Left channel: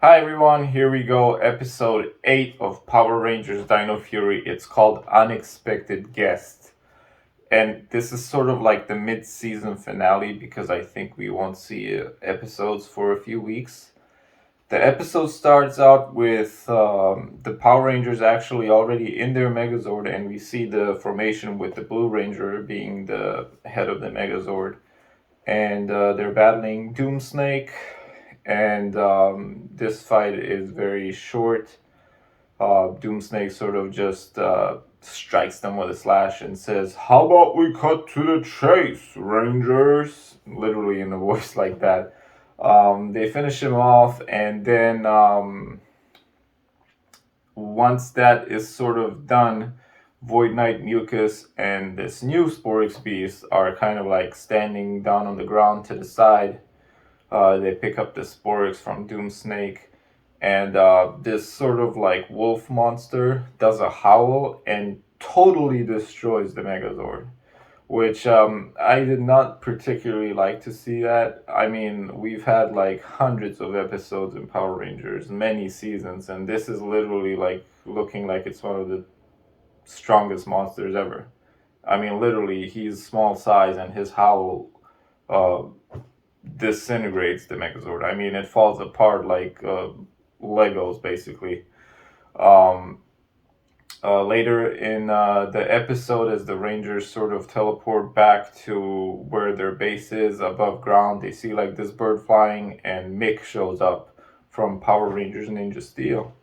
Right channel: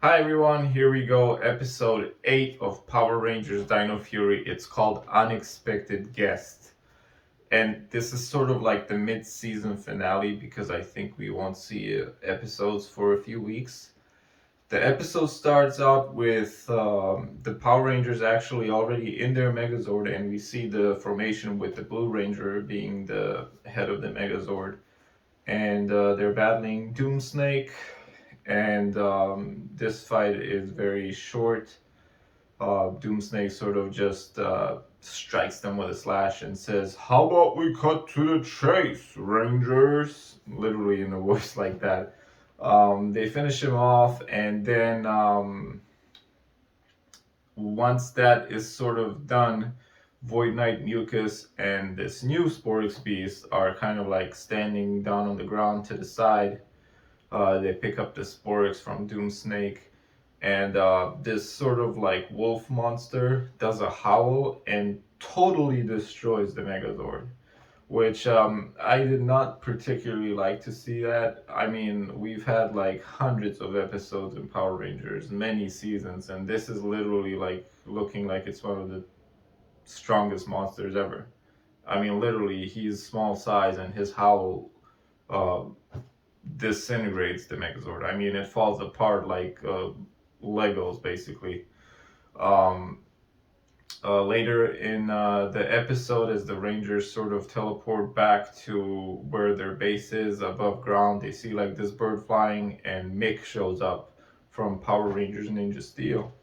Hi everyone, here we go, episode 8 of Power Rangers Dino Fury. It's called Unexpected Guest. And this is sort of like the mid season finale because I think we won't see episodes for a few weeks. The episode starts out with the Power Rangers actually already in their Megazord, and we see the formation with the Blue Ranger being the head of the Megazord. And they're battling Doomsnake, and this fight is very short. Doomsnake sort of just strikes them with a slash and says, "How about we cut to the chase, Rangers?" Literally in a voice like that. They finish him off, and then once that is sort of done, Void Knight Mucus and this new Sporix Beast are kind of like standing down on the ground to the side. They pick up the Sporix from Doomsnake, and this sort of like wolf monster does a howl and totally destroys the Megazord, which I did not particularly like to see that. I mean, we've had like hundreds of episodes in Power Rangers, many seasons, and this is literally like looking like it's one of the strongest monsters ever. I mean, literally, he's small size, and his howl uh, disintegrates the Megazord. I mean, it falls apart like Legos, basically. Um, Later in the episode, as the Rangers sort of teleport back to where their base is above ground, they see like this bird flying, and Mick shows up from Power Rangers Ninja Steel.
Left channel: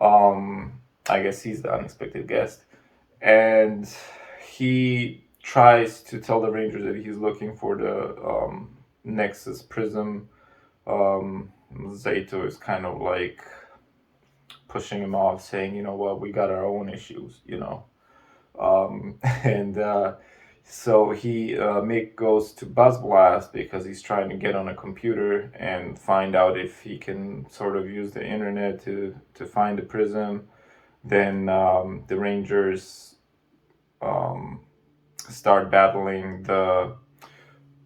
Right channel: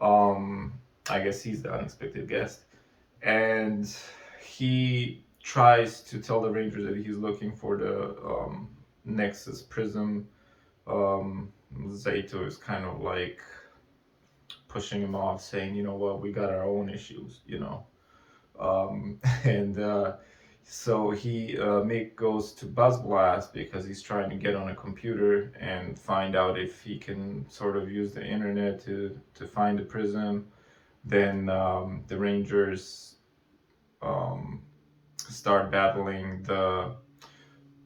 Um, I guess he's the unexpected guest, and he tries to tell the Rangers that he's looking for the Nexus Prism. Zato is kind of like pushing him off, saying, "You know what, we got our own issues, you know." And so he Mick goes to Buzz Blast because he's trying to get on a computer and find out if he can sort of use the internet to find the prism. Then the Rangers um, start battling the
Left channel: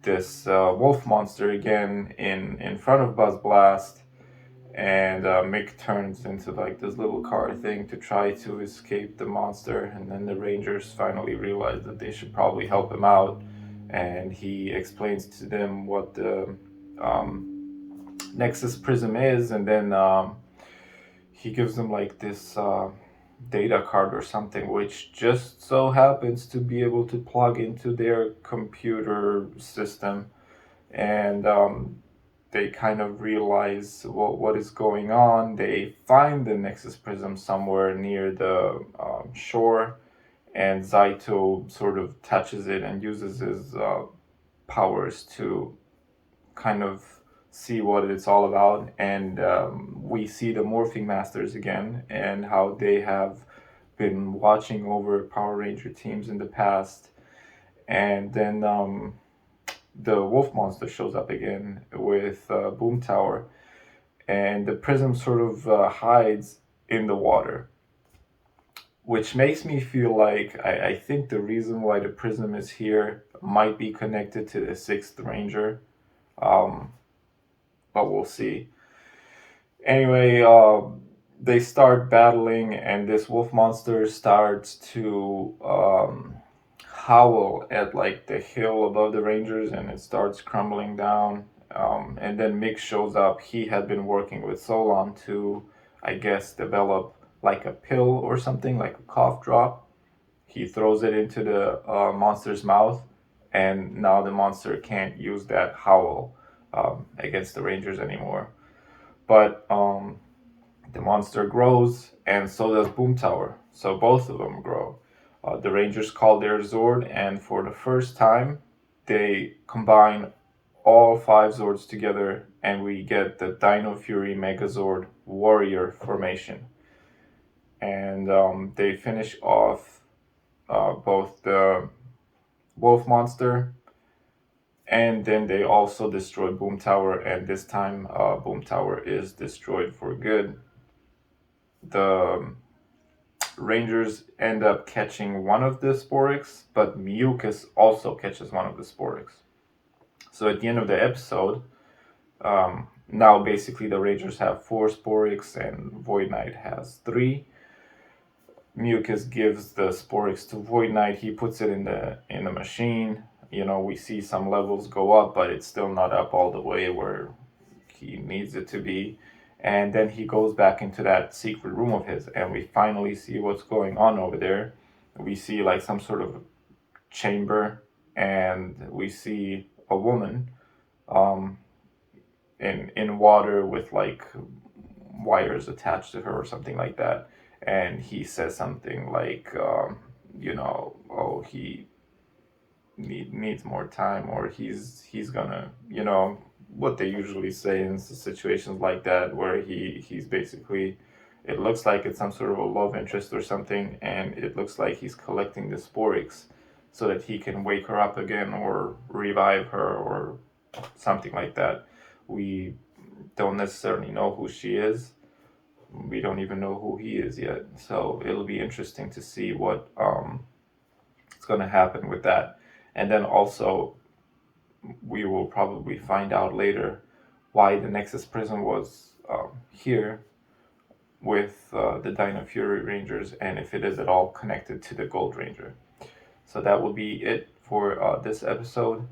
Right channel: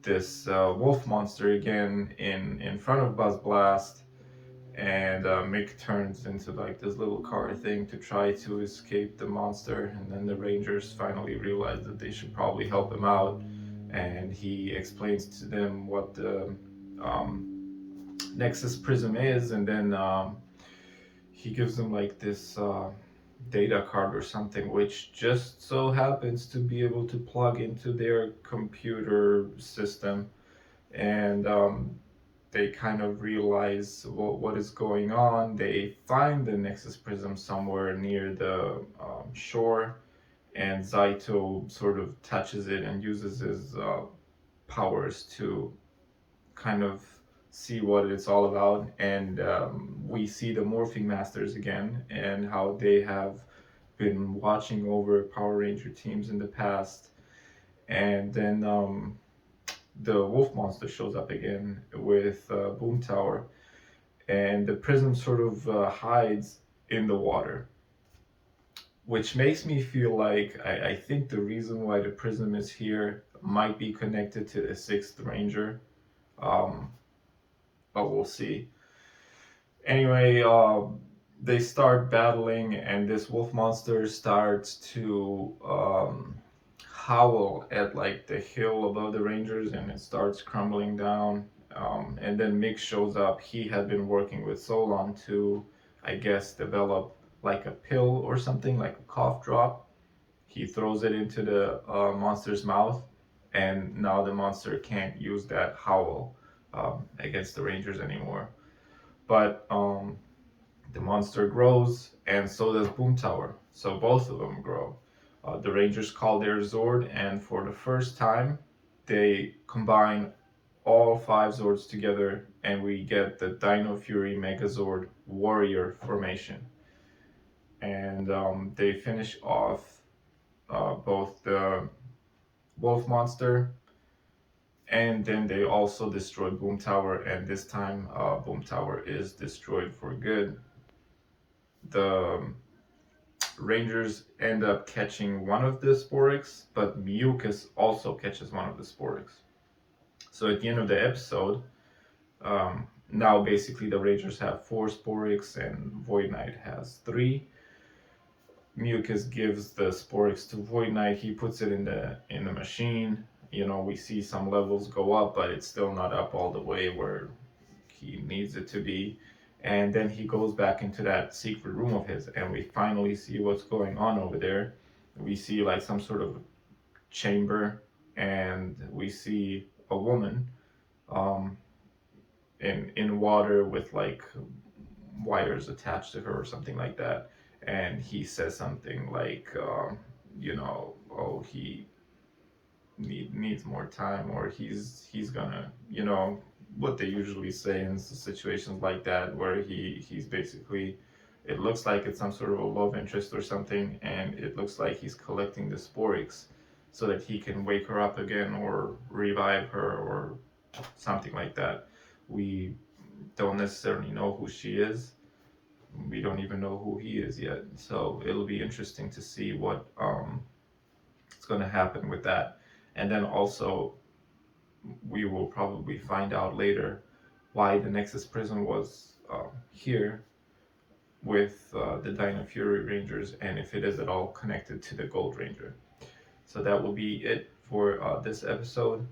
this wolf monster again in front of Buzz Blast, and Mick turns into like this little car thing to try to escape the monster, and then the Rangers finally realize that they should probably help him out, and he explains to them what the Nexus Prism is, and then he gives them like this data card or something, which just so happens to be able to plug into their computer system, and they kind of realize what is going on. They find the Nexus Prism somewhere near the shore, and Zaito sort of touches it and uses his powers to kind of see what it's all about. And we see the Morphing Masters again and how they have been watching over Power Ranger teams in the past. And then the wolf monster shows up again with Boom Tower, and the prism sort of hides in the water, which makes me feel like I think the reason why the prism is here might be connected to the sixth ranger, um, but we'll see. Anyway, they start battling, and this wolf monster starts to howl at like the hill above the Rangers, and it starts crumbling down. And then Mick shows up. He had been working with Solon to, I guess, develop like a pill or something, like a cough drop. He throws it into the monster's mouth, and now the monster can't use that howl against the Rangers anymore. But the monster grows, and so does Boom Tower. So both of them grow. The Rangers call their Zord, and for the first time, they combine all five Zords together, and we get the Dino Fury Megazord Warrior formation. And they finish off both the Wolf Monster, and then they also destroy Boom Tower, and this time Boom Tower is destroyed for good. The Rangers end up catching one of the Sporix, but Mucus also catches one of the Sporix. So at the end of the episode, now basically the Rangers have 4 Sporix and Void Knight has 3. Mucus gives the Sporix to Void Knight. He puts it in the machine. You know, we see some levels go up, but it's still not up all the way where he needs it to be. And then he goes back into that secret room of his, and we finally see what's going on over there. We see like some sort of chamber, and we see a woman um, in water with like wires attached to her or something like that. And he says something like, you know, oh, he needs more time, or he's gonna, you know, what they usually say in situations like that, where he's basically, it looks like it's some sort of a love interest or something, and it looks like he's collecting the Sporix so that he can wake her up again or revive her or something like that. We don't necessarily know who she is. We don't even know who he is yet. So it'll be interesting to see what is going to happen with that. And then also, we will probably find out later why the Nexus Prison was here with the Dino Fury Rangers, and if it is at all connected to the Gold Ranger. So that will be it for this episode.